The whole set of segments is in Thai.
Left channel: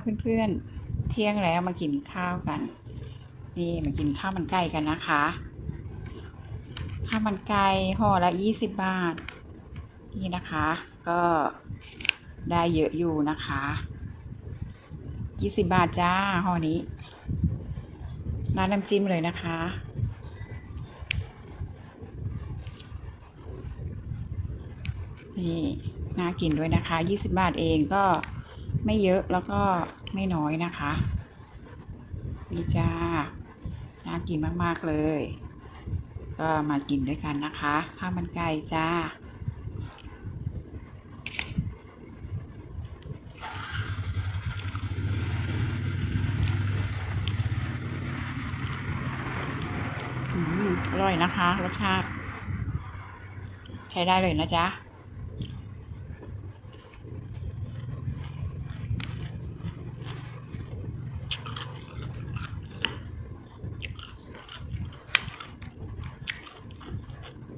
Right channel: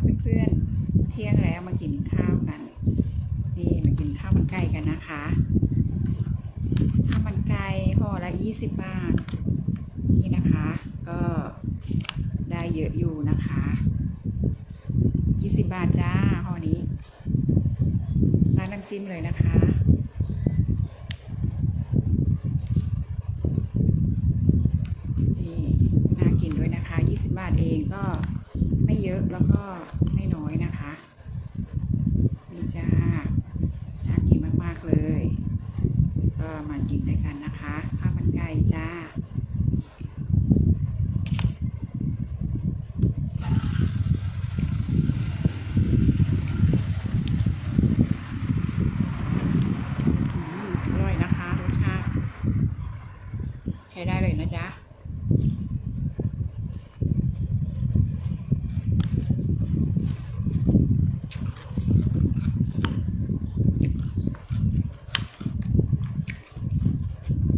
เพื่อนๆ เที่ยงแล้วมากินข้าวกัน นี่มากินข้าวมันไก่กันนะคะ ข้าวมันไก่ห่อละยี่สิบบาท นี่นะคะ ก็ได้เยอะอยู่นะคะยี่สิบบาทจ้าห่อนี้ร้านน้ำจิ้มเลยนะคะนี่น่ากินด้วยนะคะ 20 บาทเองก็ ไม่เยอะแล้วก็ไม่น้อยนะคะนี่จ้าน่ากินมากๆเลย ก็มากินด้วยกันนะคะข้าวมันไก่จ้าอืมอร่อยนะคะรสชาติ ใช้ได้เลยนะจ๊ะ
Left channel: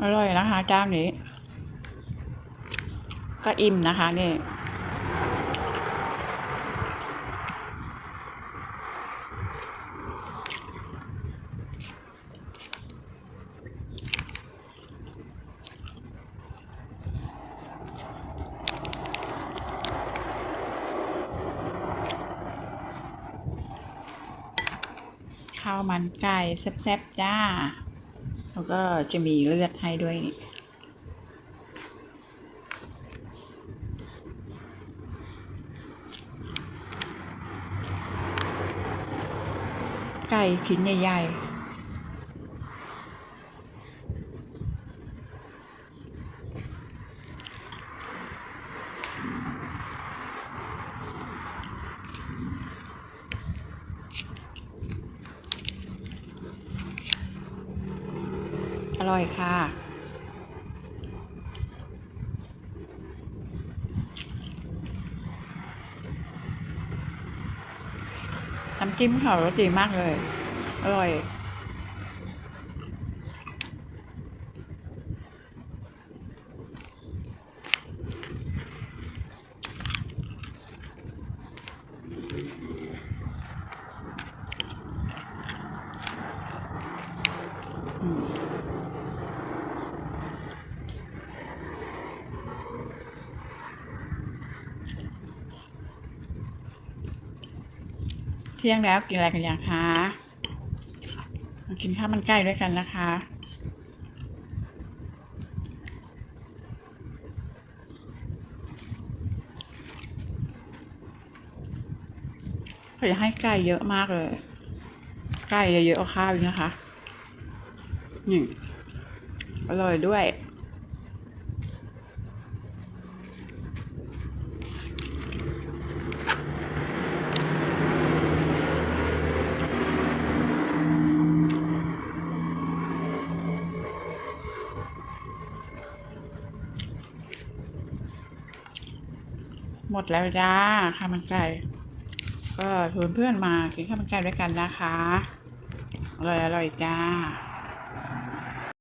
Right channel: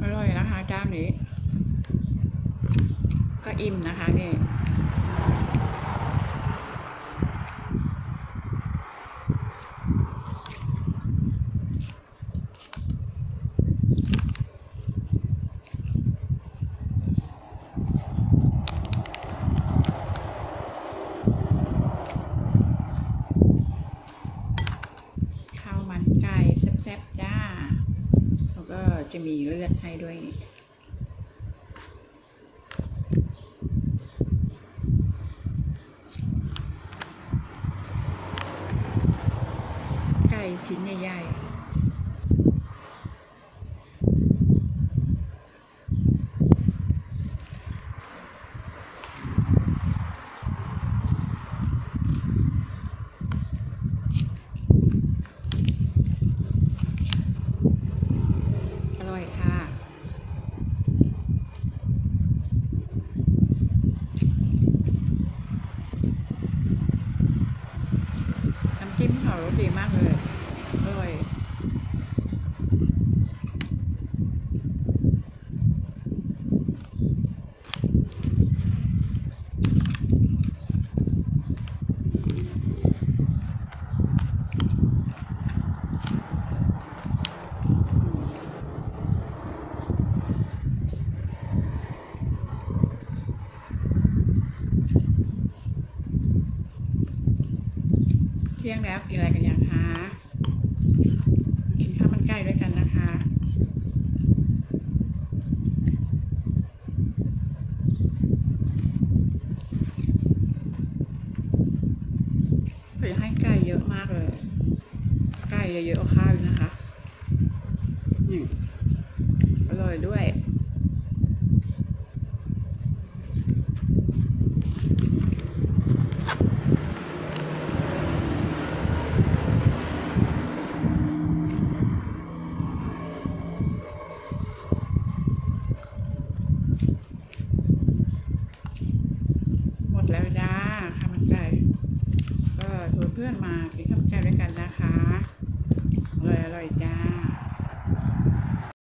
อร่อยนะคะจ้านนี้ ก็อิ่มนะคะนี่ข้าวมันไก่แซ่บๆจ้า แล้วก็จะมีเลือดให้ด้วยนี่ไก่ชิ้นใหญ่ๆ ร่อยค่ะ น้ำจิ้มเขารสดีมากเลย อร่อย เที่ยงแล้วกินอะไรกันอยังคะกินข้าวมันไก่ด้วยกันนะคะเขาจะให้ไก่เยอะมากเลย ไก่เยอะๆเอาข้าวอีกนะคะนี่อร่อยด้วย แล้วจ้าข้าวมันไก่ ก็ชวนเพื่อนมากินข้าวมันไก่ด้วยกันนะคะอร่อยอร่อยจ้า